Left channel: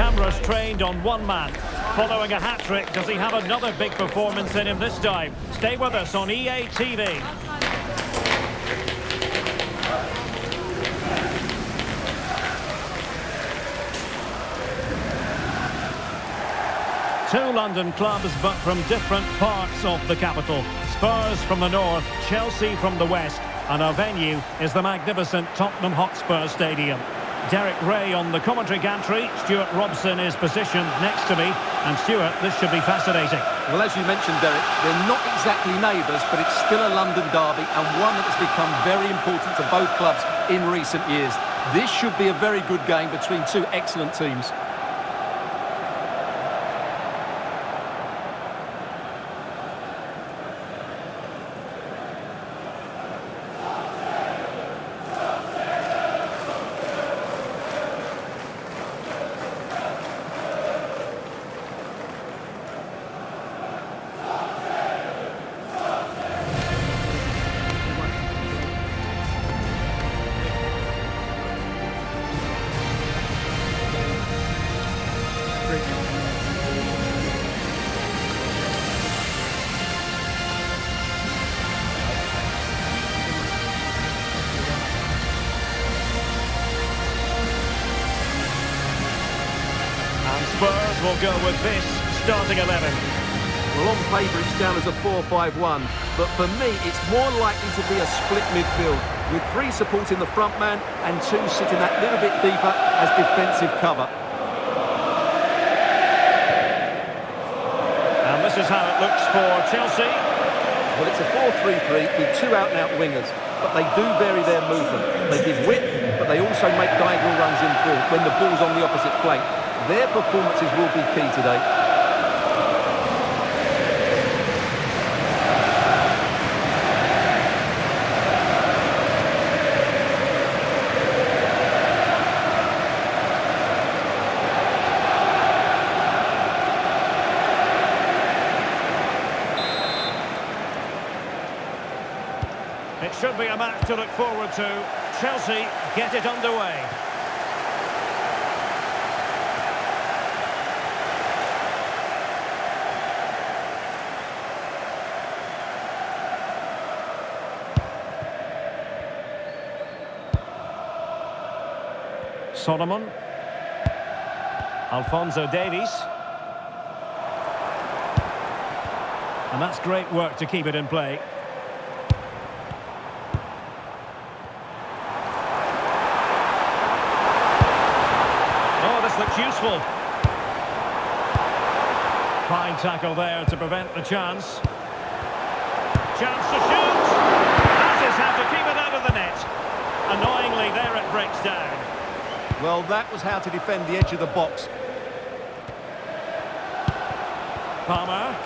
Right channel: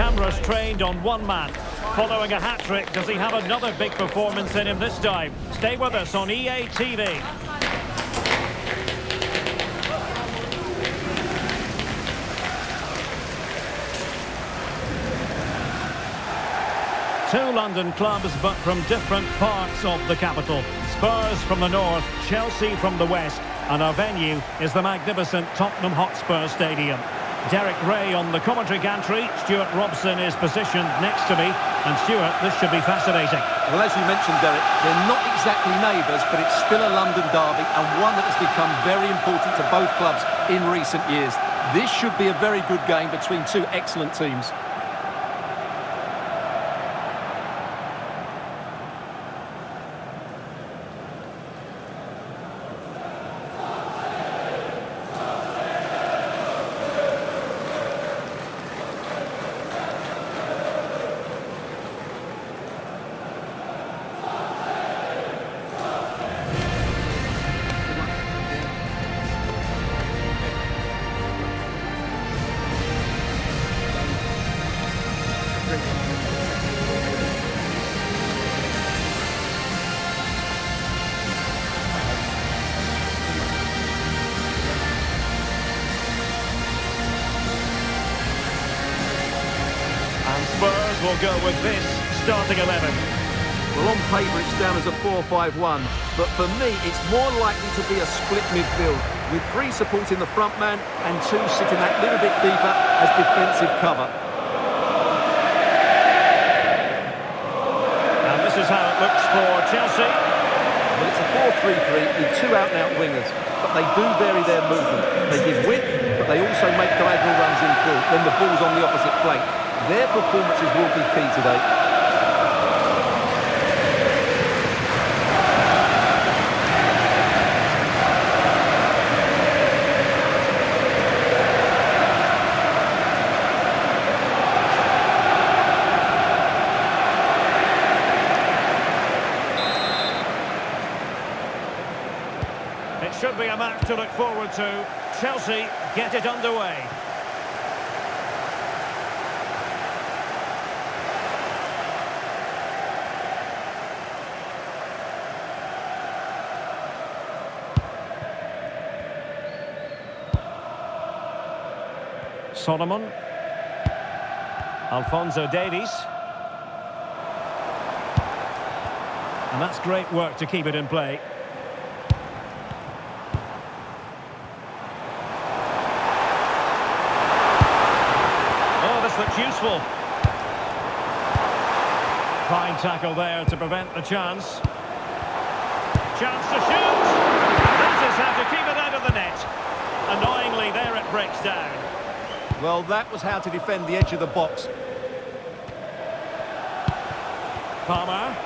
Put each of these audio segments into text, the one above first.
Cameras trained on one man. Following a hat-trick, does he have another big performance in him this time? Stay with us on EA TV. Two London clubs, but from different parts of the capital. Spurs from the north, Chelsea from the west, and our venue is the magnificent Tottenham Hotspur Stadium. Derek Ray on the commentary gantry. Stuart Robson is positioned next to me. And Stuart, this should be fascinating. Well, as you mentioned, Derek, they're not exactly neighbours, but it's still a London derby and one that has become very important to both clubs in recent years. This should be a very good game between two excellent teams. And Spurs will go with this starting 11. Well, on paper it's down as a 4-5-1, but for me it's more likely to be a split midfield, with three supporting the front man and two sitting that little bit deeper as defensive cover. And this is how it looks for Chelsea. Well, it's a 4-3-3 with two out-and-out wingers, but they do vary their movement. They give width, but they also make diagonal runs infield when the ball's on the opposite flank. Their performances will be key today. It should be a match to look forward to. Chelsea get it underway. Solomon. Alphonso Davies. And that's great work to keep it in play. Oh, this looks useful. Fine tackle there to prevent the chance. Chance to shoot. That is how to keep it out of the net. Annoyingly, there it breaks down. Well, that was how to defend the edge of the box. Palmer.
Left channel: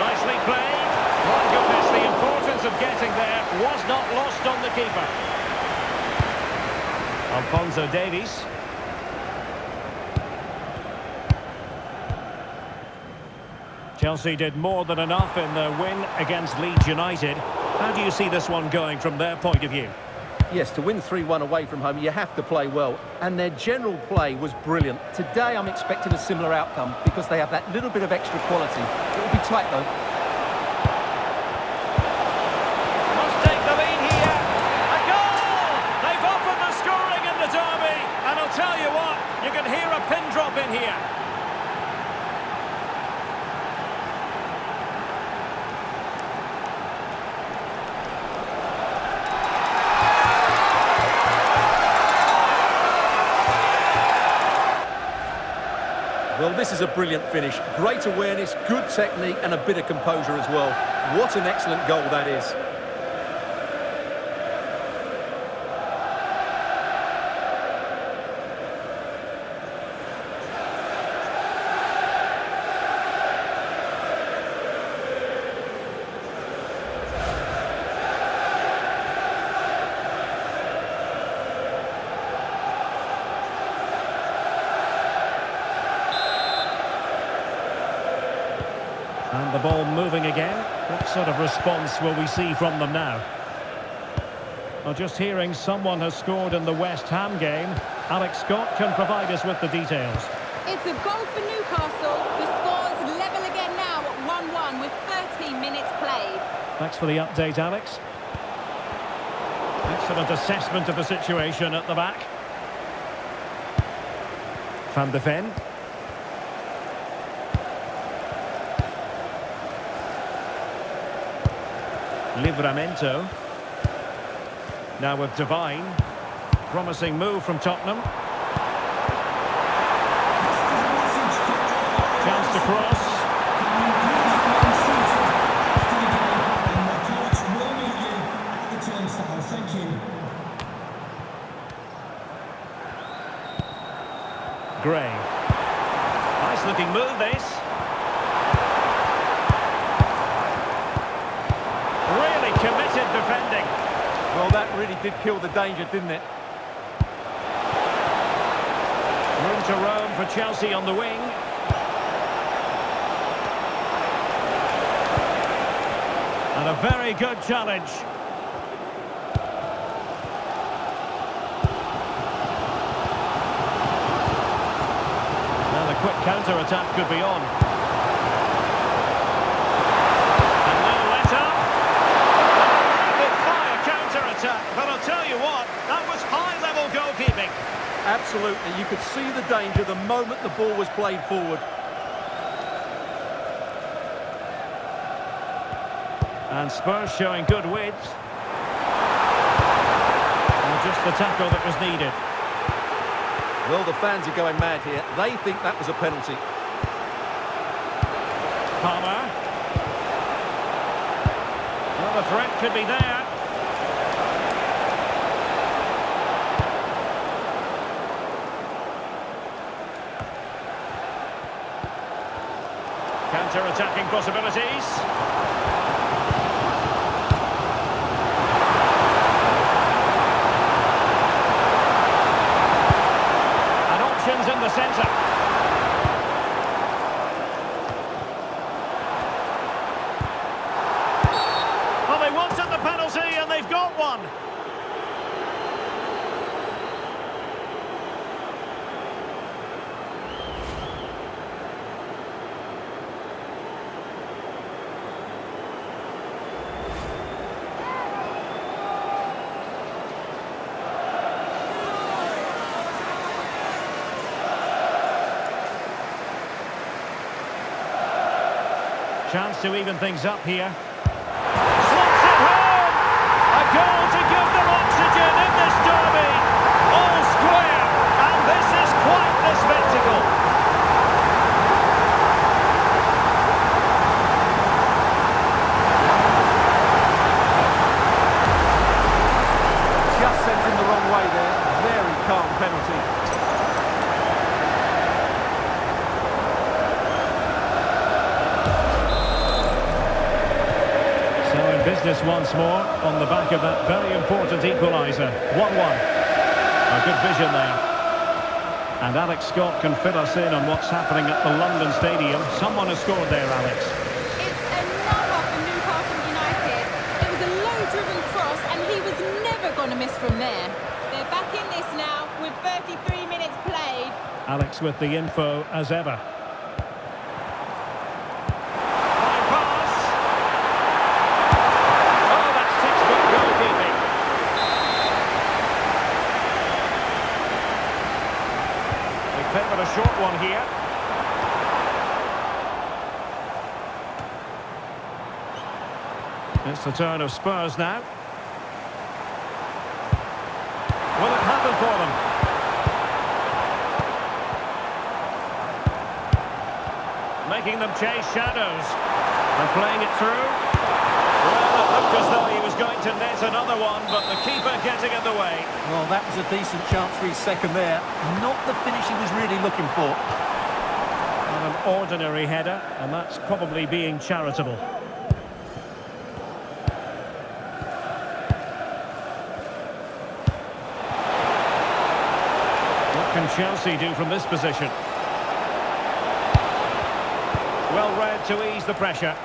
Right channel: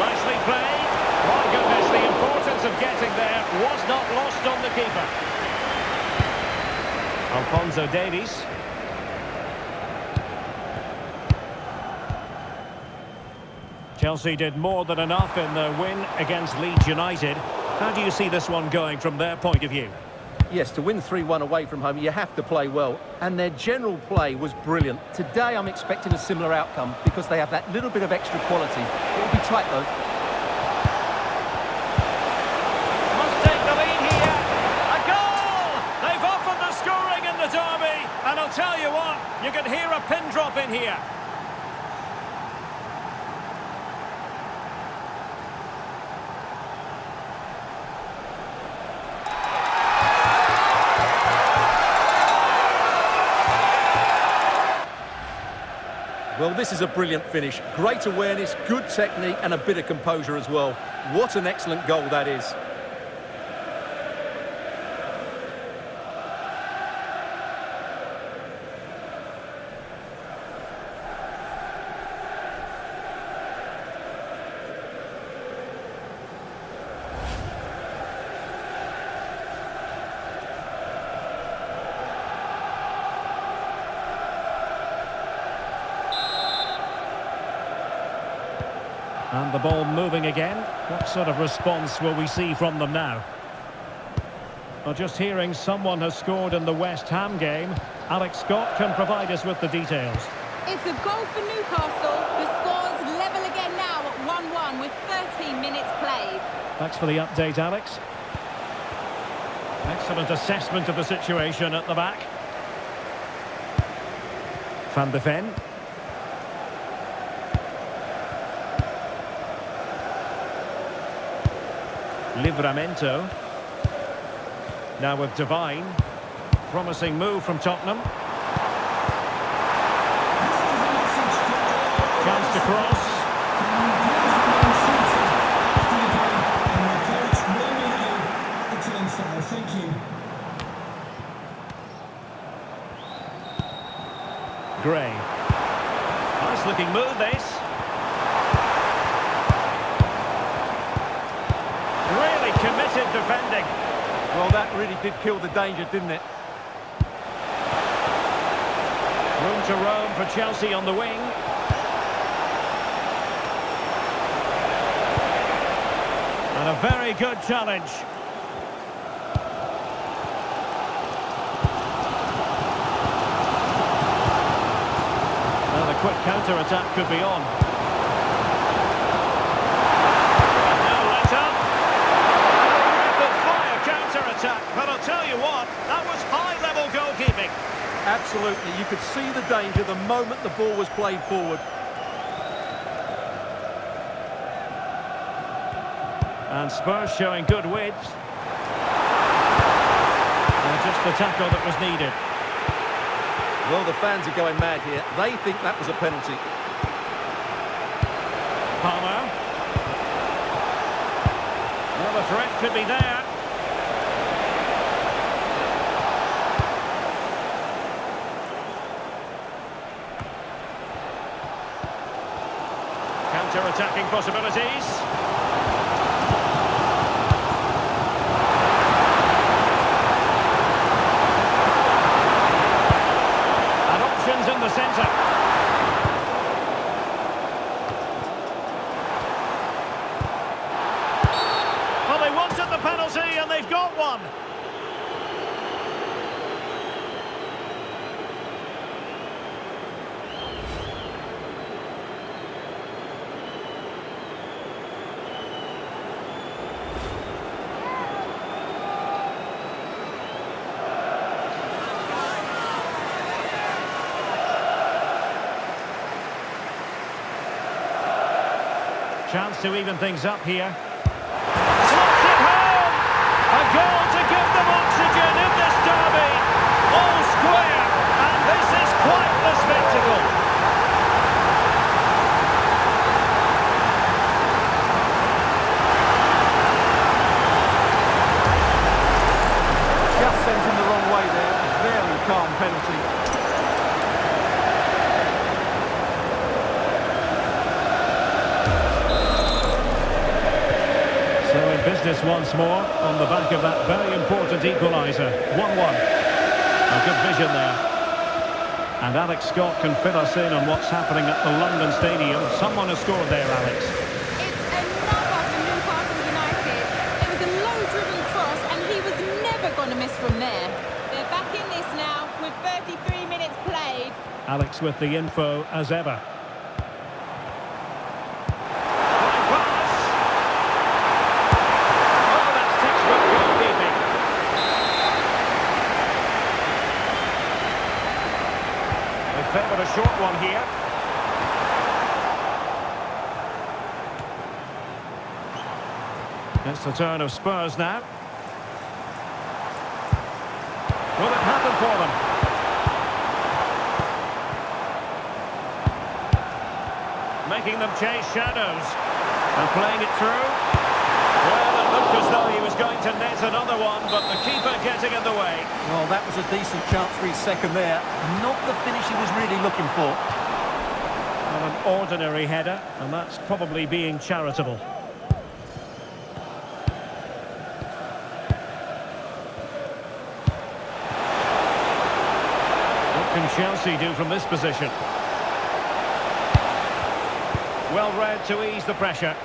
Nicely played. My goodness, the importance of getting there was not lost on the keeper. Alphonso Davies. Chelsea did more than enough in their win against Leeds United. How do you see this one going from their point of view? Yes, to win 3-1 away from home, you have to play well. And their general play was brilliant. Today, I'm expecting a similar outcome because they have that little bit of extra quality. It will be tight, though. Must take the lead here. A goal! They've offered the scoring in the derby. And I'll tell you what, you can hear a pin drop in here. Well, this is a brilliant finish. Great awareness, good technique and a bit of composure as well. What an excellent goal that is. And the ball moving again. What sort of response will we see from them now? Well, just hearing someone has scored in the West Ham game. Alex Scott can provide us with the details. It's a goal for Newcastle. The score's level again now at 1-1 with 13 minutes played. Thanks for the update, Alex. Excellent assessment of the situation at the back. Van de Ven. Livramento. Now with Devine. Promising move from Tottenham. Chance to cross. Thank you. Gray. Nice looking move, this. Really committed defending. Well, that really did kill the danger, didn't it? Room to roam for Chelsea on the wing. And a very good challenge. Now the quick counter-attack could be on. And no let-up. And a rapid-fire counter-attack. But I'll tell you what, that was high-level goalkeeping. Absolutely. You could see the danger the moment the ball was played forward. And Spurs showing good width. Just the tackle that was needed. Well, the fans are going mad here. They think that was a penalty. Palmer. Well, the threat could be there. Counter-attacking possibilities. In the centre. Well, they wanted the penalty and they've got one. Chance to even things up here. Slots it home! A goal to give them oxygen in this derby. All square, and this is quite the spectacle. Just sent him the wrong way there. Very calm penalty. So in business once more, on the back of that very important equaliser. 1-1. A good vision there. And Alex Scott can fill us in on what's happening at the London Stadium. Someone has scored there, Alex. It's another for Newcastle United. It was a low-driven cross, and he was never going to miss from there. They're back in this now with 33 minutes played. Alex with the info as ever. Favoured a short one here. It's the turn of Spurs now. Will it happen for them? Making them chase shadows. And playing it through. Well, it looked as though he was going to net another one, but the keeper getting in the way. Well, that was a decent chance for his second there. Not the finish he was really looking for. Well, an ordinary header, and that's probably being charitable. What can Chelsea do from this position? Well read to ease the pressure.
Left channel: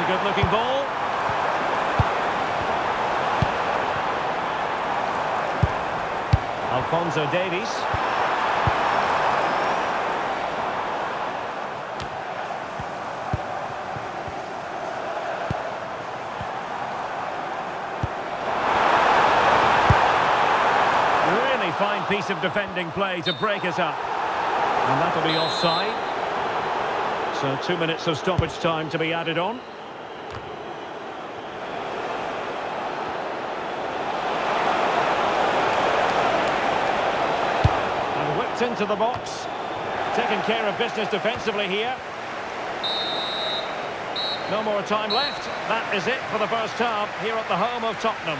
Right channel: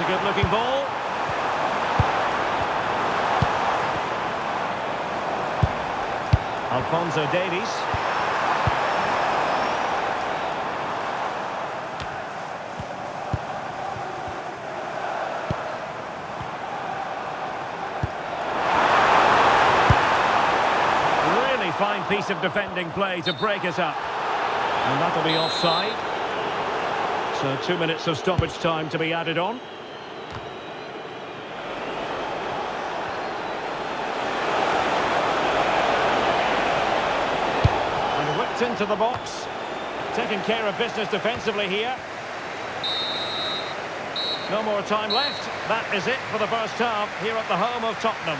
It's a good-looking ball. Alphonso Davies. Really fine piece of defending play to break it up. And that'll be offside. So 2 minutes of stoppage time to be added on. And whipped into the box. Taking care of business defensively here. No more time left. That is it for the first half here at the home of Tottenham.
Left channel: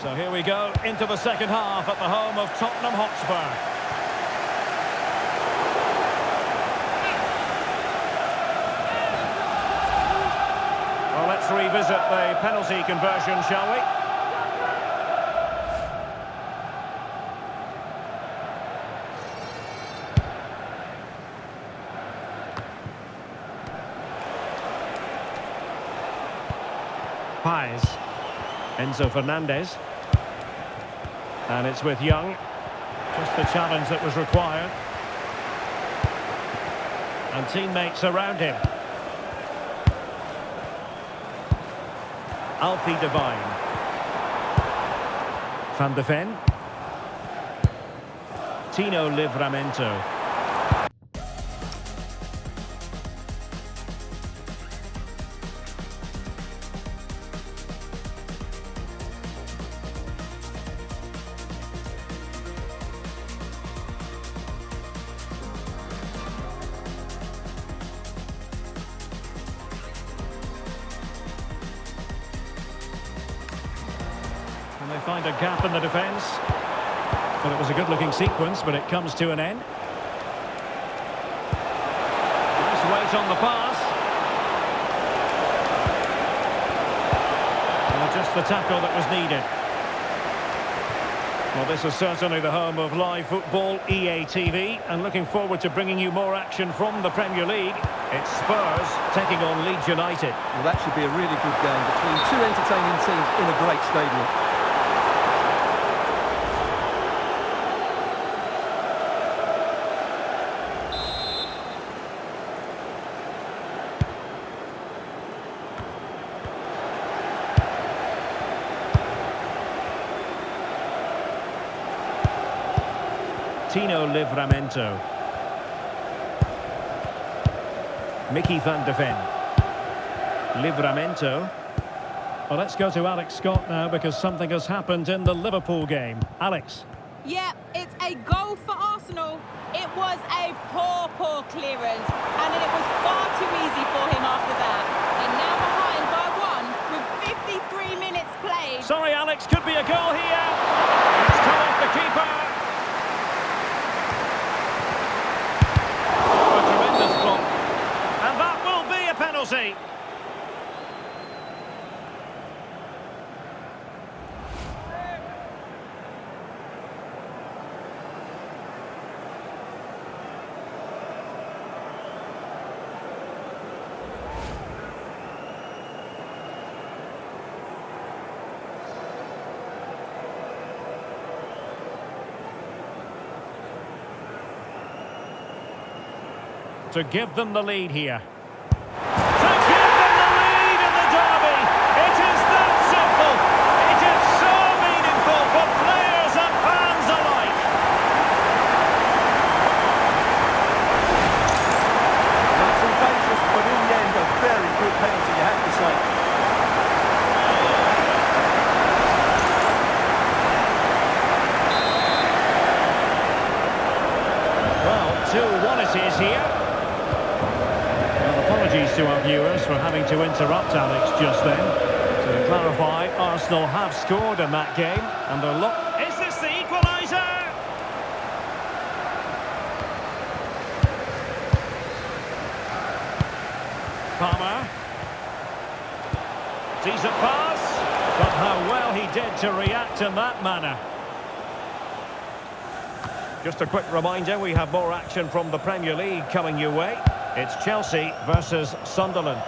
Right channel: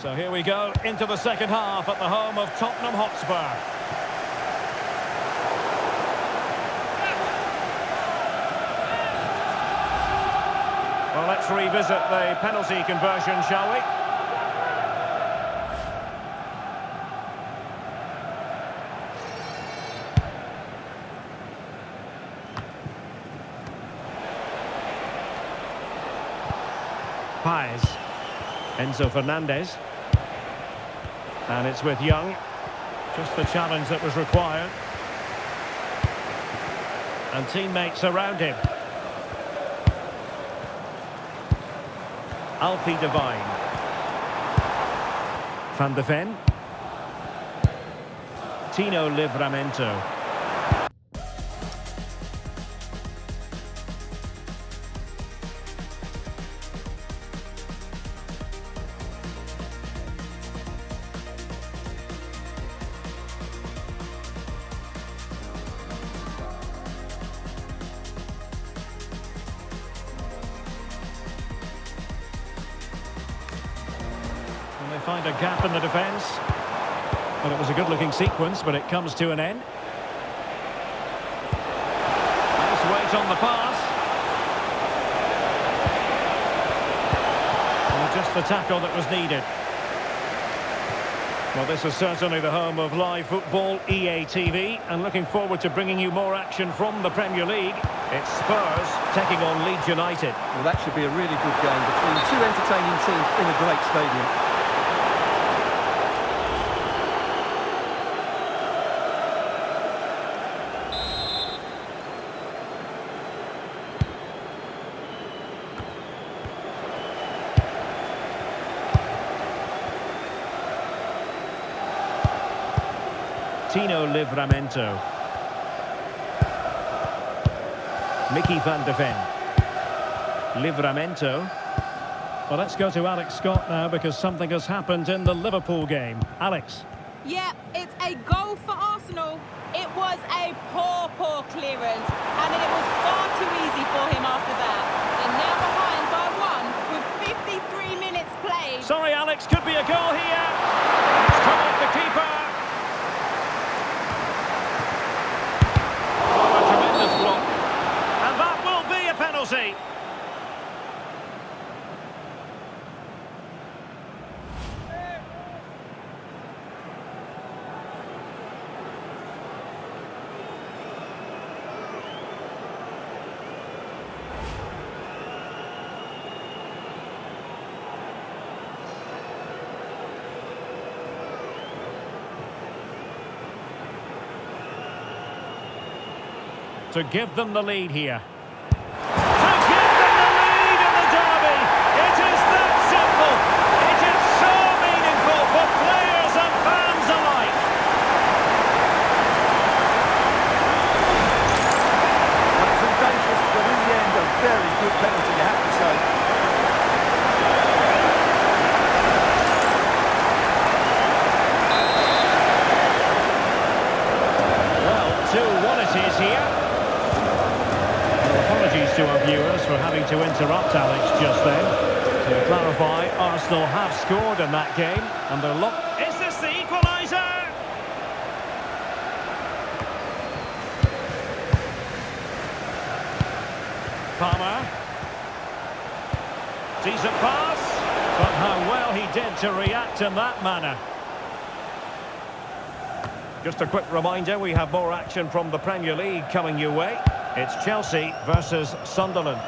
So here we go into the second half at the home of Tottenham Hotspur. Well, let's revisit the penalty conversion, shall we? Paes. Enzo Fernandez. And it's with Young. Just the challenge that was required. And teammates around him. Alfie Devine. Van de Ven. Tino Livramento. And they find a gap in the defence. But it was a good-looking sequence, but it comes to an end. Nice weight on the pass. Well, just the tackle that was needed. Well, this is certainly the home of live football, EA TV, and looking forward to bringing you more action from the Premier League. It's Spurs taking on Leeds United. Well, that should be a really good game between two entertaining teams in a great stadium. Tino Livramento. Mickey van de Ven. Livramento. Well, let's go to Alex Scott now because something has happened in the Liverpool game. Alex. Yeah, it's a goal for Arsenal. It was a poor clearance, and it was far too easy for him after that. They're now behind by 1 with 53 minutes played. Sorry, Alex, could be a goal here. It's come off the keeper. Oh, a tremendous block. And that will be a penalty. To give them the lead here. To give them the lead in the derby! It is that simple! It is so meaningful for players and fans alike! Well, it's audacious, but in the end, a very good penalty, you have to say. Well, 2-1 it is here. Apologies to our viewers for having to interrupt Alex just then. To clarify, Arsenal have scored in that game, and they're locked. Is this the equaliser? Palmer. Decent pass, but how well he did to react in that manner. Just a quick reminder, we have more action from the Premier League coming your way. It's Chelsea versus Sunderland.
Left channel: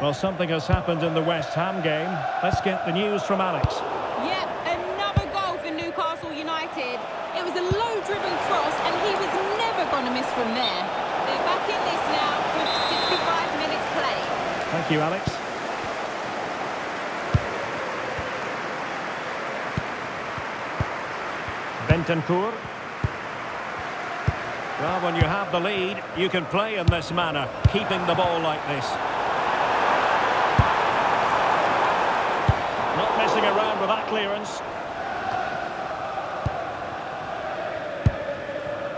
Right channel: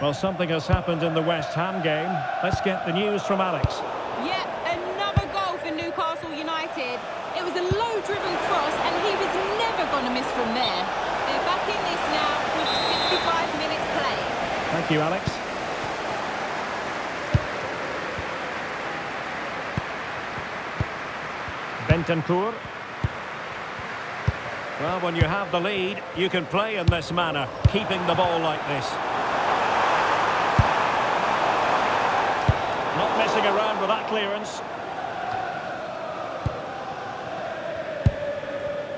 Well, something has happened in the West Ham game. Let's get the news from Alex. Yep, another goal for Newcastle United. It was a low-driven cross, and he was never going to miss from there. They're back in this now with 65 minutes played. Thank you, Alex. Bentancur. Well, when you have the lead, you can play in this manner, keeping the ball like this. Not messing around with that clearance.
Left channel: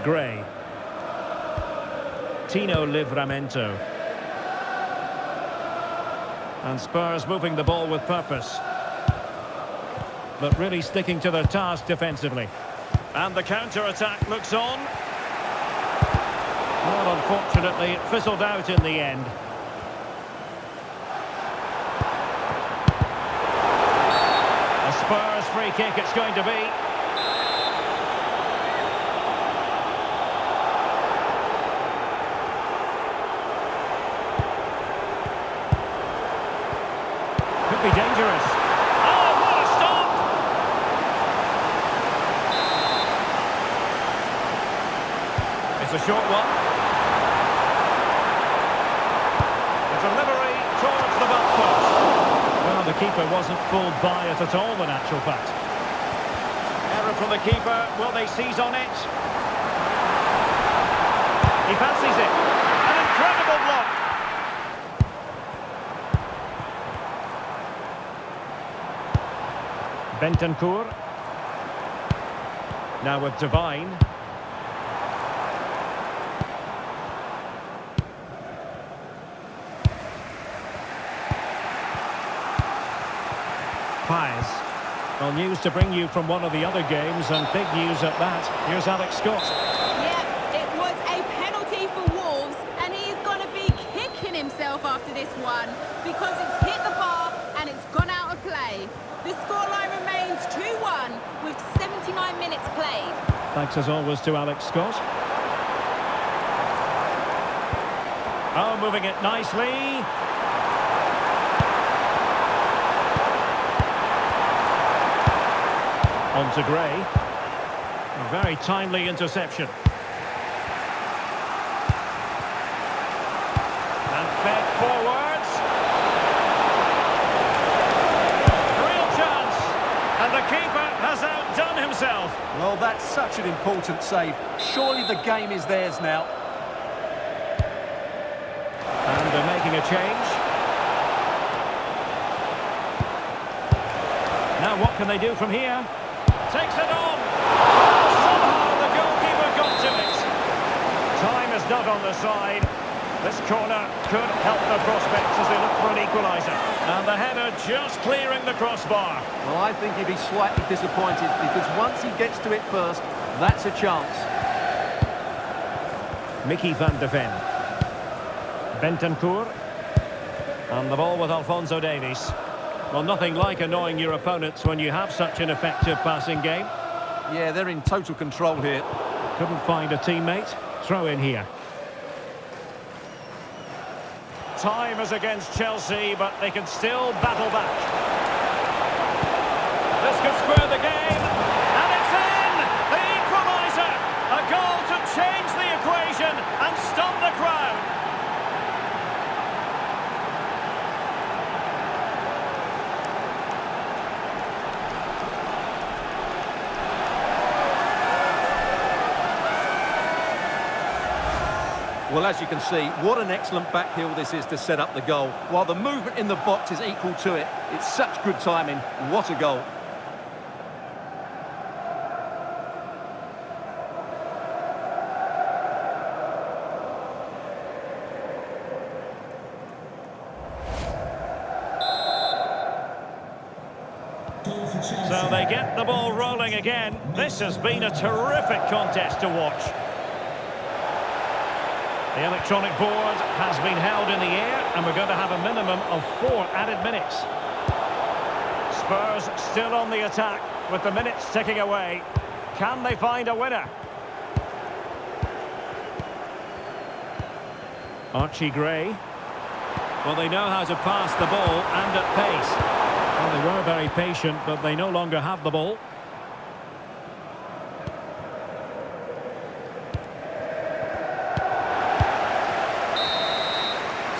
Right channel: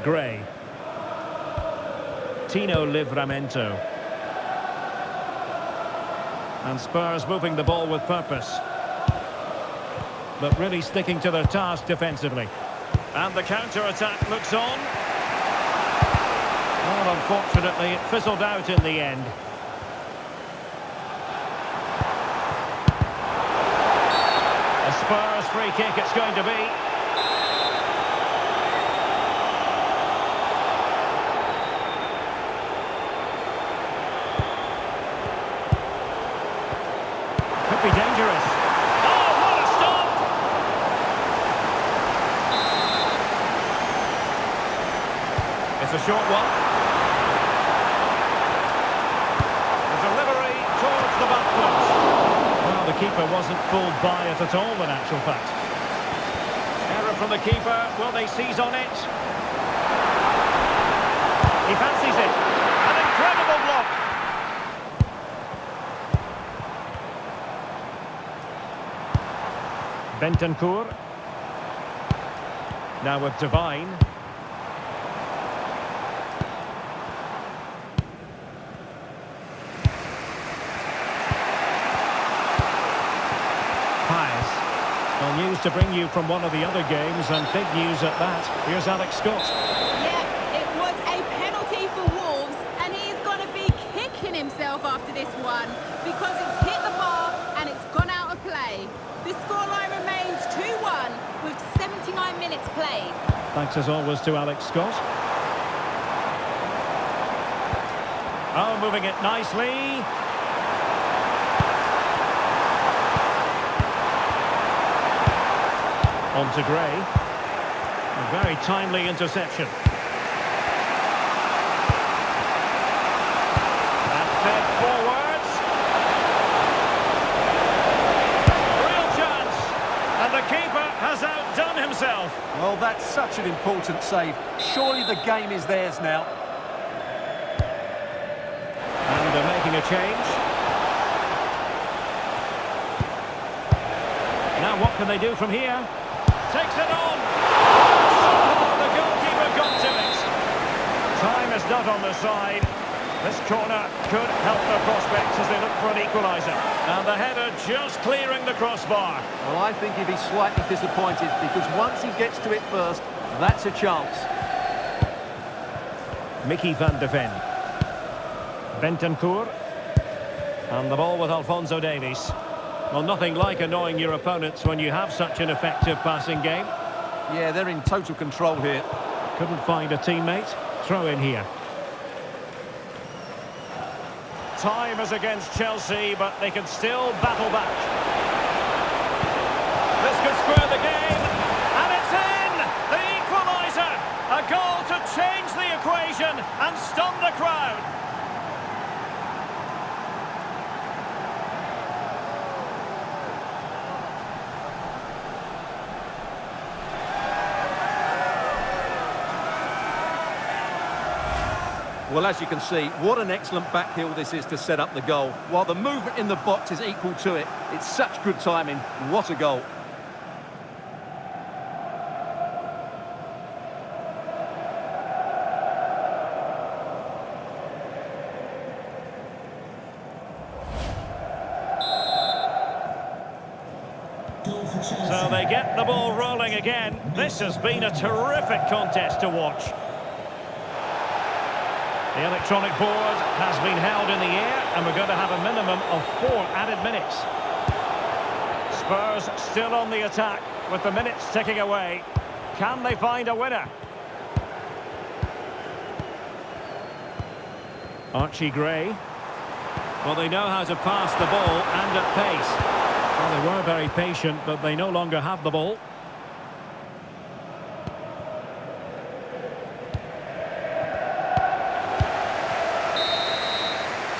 Gray. Tino Livramento. And Spurs moving the ball with purpose. But really sticking to their task defensively. And the counter-attack looks on. Well, unfortunately, it fizzled out in the end. A Spurs free kick it's going to be. Could be dangerous. Oh, what a stop! It's a short one. The delivery towards the back post. Well, the keeper wasn't fooled by it at all, in actual fact. Error from the keeper. Will they seize on it? He fancies it. An incredible block. Bentancur. Now with Devine. Pies. Well, news to bring you from one of the other games, and big news at that. Here's Alex Scott. Yeah, it was a penalty for Wolves, and he is going to be kicking himself after this one because it's hit the bar and it's gone out of play. The scoreline remains 2-1 with 79 minutes played. Thanks as always to Alex Scott. Oh, moving it nicely. On to Gray. A very timely interception. And fed forwards. Real chance. And the keeper has outdone himself. Well, that's such an important save. Surely the game is theirs now. And they're making a change. Now what can they do from here? Takes it on. Somehow the goalkeeper got to it. Time is not on their side. This corner could help their prospects as they look for an equaliser. And the header just clearing the crossbar. Well, I think he'd be slightly disappointed because once he gets to it first, that's a chance. Mickey van de Ven. Bentancur. And the ball with Alphonso Davies. Well, nothing like annoying your opponents when you have such an effective passing game. Yeah, they're in total control here. Couldn't find a teammate. Throw in here. Time is against Chelsea, but they can still battle back. This could square the game. And it's in! The equaliser! A goal to change the equation and stun the crowd. Well, as you can see, what an excellent back heel this is to set up the goal. While the movement in the box is equal to it, it's such good timing. What a goal. So they get the ball rolling again. This has been a terrific contest to watch. The electronic board has been held in the air, and we're going to have a minimum of 4 added minutes. Spurs still on the attack with the minutes ticking away. Can they find a winner? Archie Gray. Well, they know how to pass the ball and at pace. Well, they were very patient, but they no longer have the ball.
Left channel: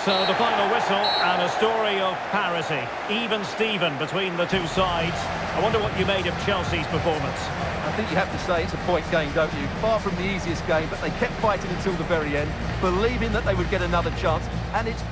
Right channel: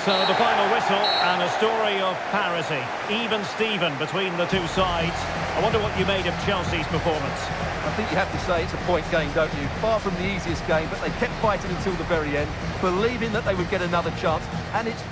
So the final whistle and a story of parity. Even Steven between the two sides. I wonder what you made of Chelsea's performance. I think you have to say it's a point game, don't you? Far from the easiest game, but they kept fighting until the very end, believing that they would get another chance, and it's